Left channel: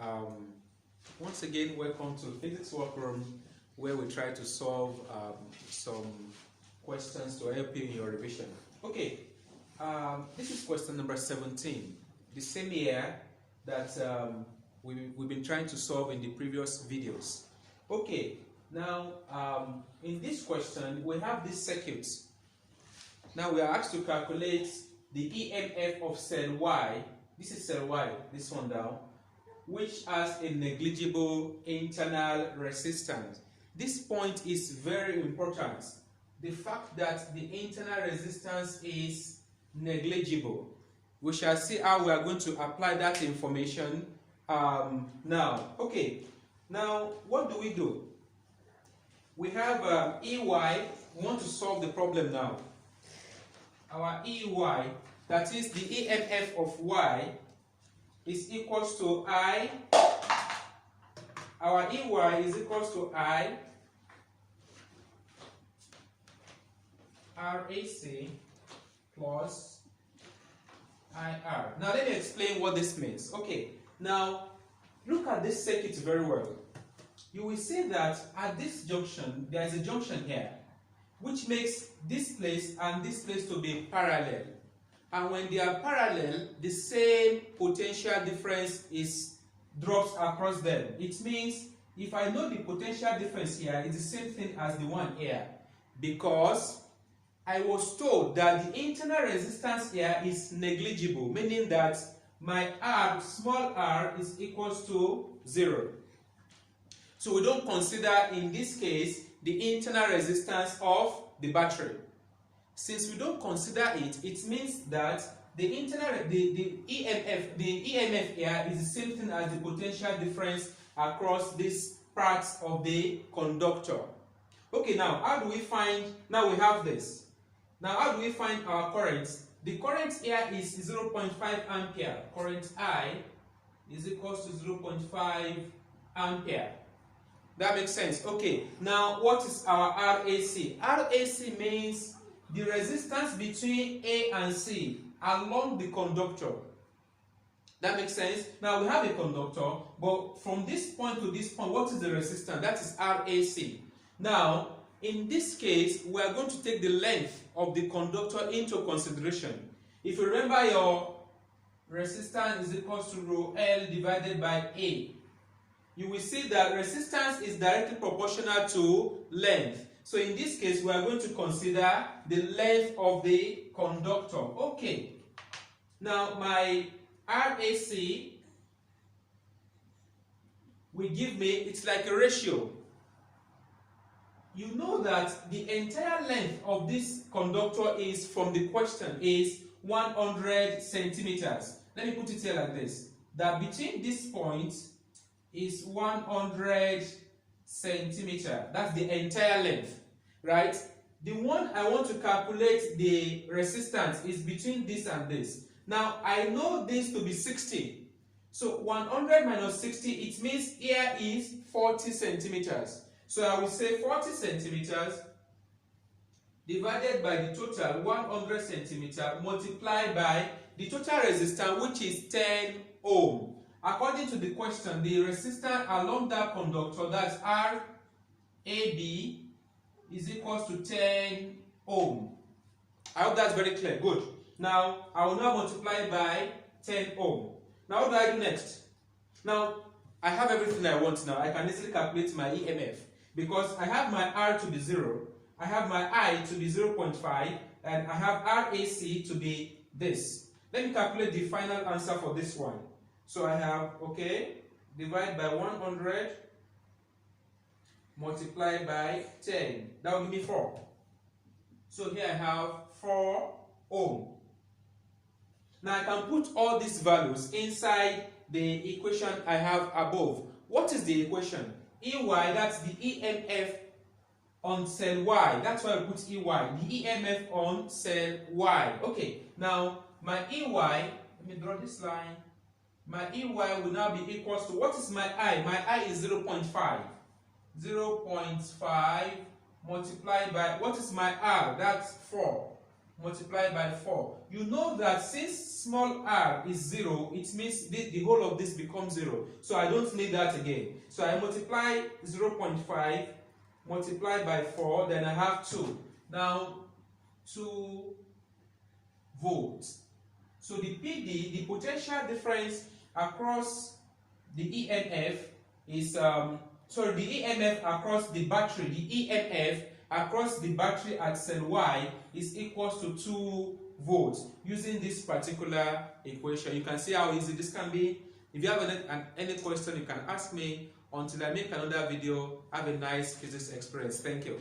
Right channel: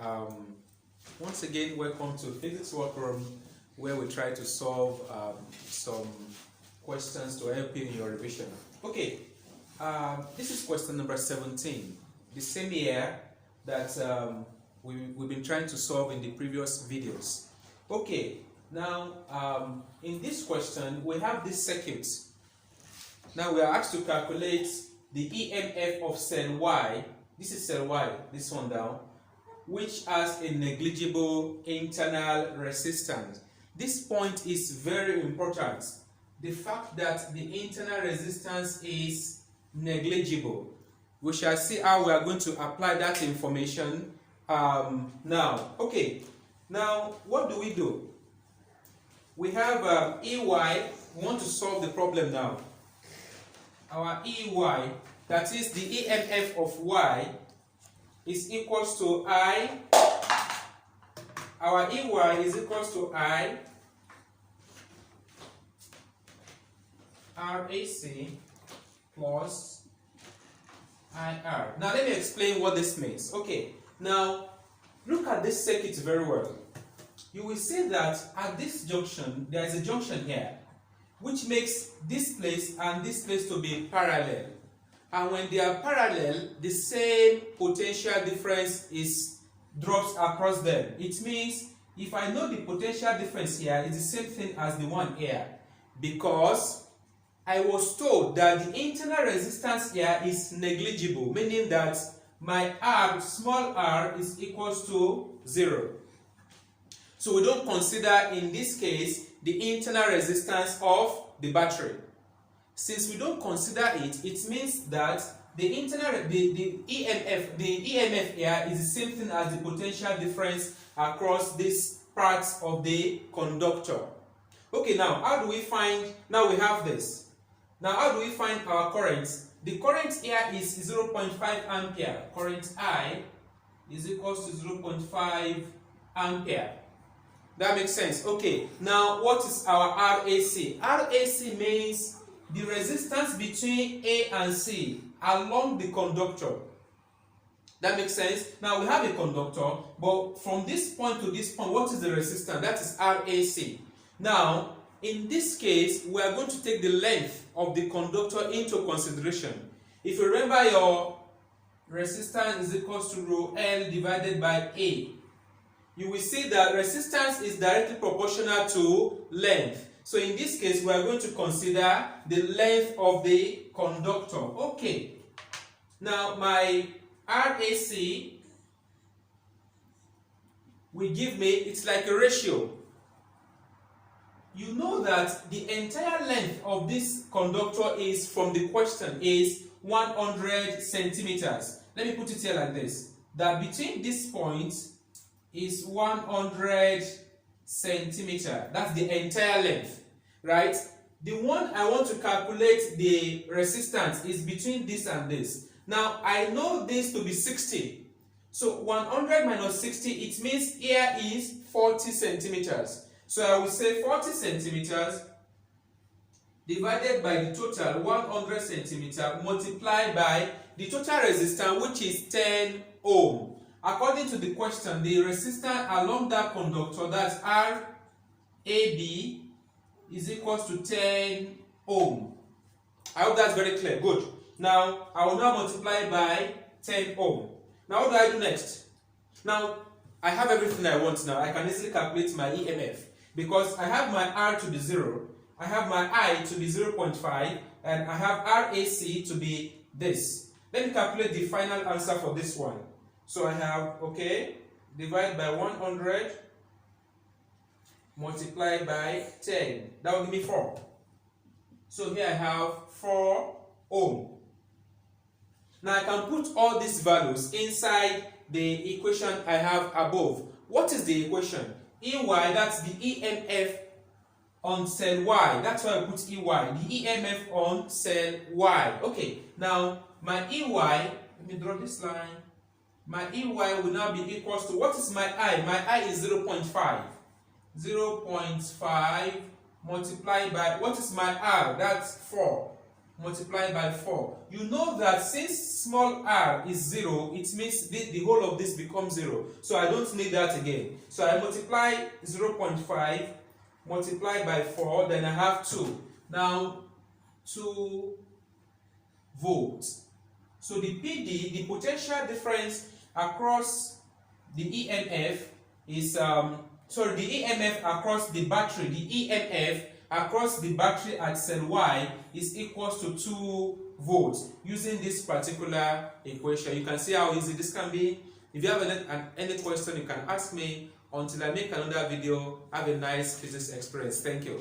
Um, Once again, welcome to Physics Workroom, where we try to solve some questions to help you in your revision. Okay, this is question number 17, the same year that we've been trying to solve in the previous videos. Okay, now in this question, we have this circuit. Now we are asked to calculate the EMF of cell Y. This is cell Y, this one down, which has a negligible internal resistance. This point is very important. The fact that the internal resistance is negligible. We shall see how we are going to apply that information now. Okay, now what do? We have EY. We want to solve the problem now. Our EY, that is the EMF of Y, is equals to I. Our EY is equals to I RAC plus IR. Now let me explain what this means. Okay, now look at this circuit very well. You will see that at this junction, there is a junction here, which makes this place and this place to be parallel. And when they are parallel, the same potential difference drops across them. It means if I know the potential difference here is the same thing as the one here, because I was told that the internal resistance here is negligible, meaning that my R, small r, is equals to 0. So we don't consider in this case the internal resistance of the battery. Since we don't consider it, it means that the EMF here is the same thing as the potential difference across these parts of the conductor. Okay, now how do we find, now we have this. Now how do we find our current? The current here is 0.5 ampere. Current I is equals to 0.5 ampere. That makes sense. Okay, now what is our RAC? RAC means the resistance between A and C along the conductor. That makes sense. Now we have a conductor, but from this point to this point, what is the resistance? That is RAC. Now, in this case, we are going to take the length of the conductor into consideration. If you remember, your resistance is equals to rho L divided by A. You will see that resistance is directly proportional to length. So in this case, we are going to consider the length of the conductor. Okay. Now my RAC will give me, it's like a ratio. You know that the entire length of this conductor is, from the question, is 100 centimeters. Let me put it here like this. That between this point is 100 centimeter. That's the entire length, right? The one I want to calculate the resistance is between this and this. Now I know this to be 60. So 100 minus 60, it means here is 40 centimeters. So I will say 40 centimeters divided by the total 100 centimeter multiplied by the total resistance, which is 10 ohm. According to the question, the resistance along that conductor, that's RAB, is equals to 10 ohm. I hope that's very clear. Good. Now, I will now multiply by 10 ohm. Now, what do I do next? Now, I have everything I want now. I can easily calculate my EMF because I have my R to be 0, I have my I to be 0.5, and I have RAC to be this. Let me calculate the final answer for this one. So I have, okay, divide by 100, multiply by 10. That will give me 4. So here I have 4 ohm. Now I can put all these values inside the equation I have above. What is the equation? EY, that's the EMF on cell Y. That's why I put EY, the EMF on cell Y. Okay, now my EY, let me draw this line. My EY will now be equals to, what is my I? My I is 0.5. 0.5 multiplied by, what is my R? That's 4. multiplied by 4. You know that since small r is 0, it means the whole of this becomes 0. So I don't need that again. So I multiply 0.5 multiplied by 4, then I have 2. Now 2 volts. So the PD, the potential difference across the EMF is the EMF across the battery, the EMF across the battery at cell Y is equals to 2 volts using this particular equation. You can see how easy this can be. If you have any question, you can ask me. Until I make another video, have a nice physics experience. Thank you.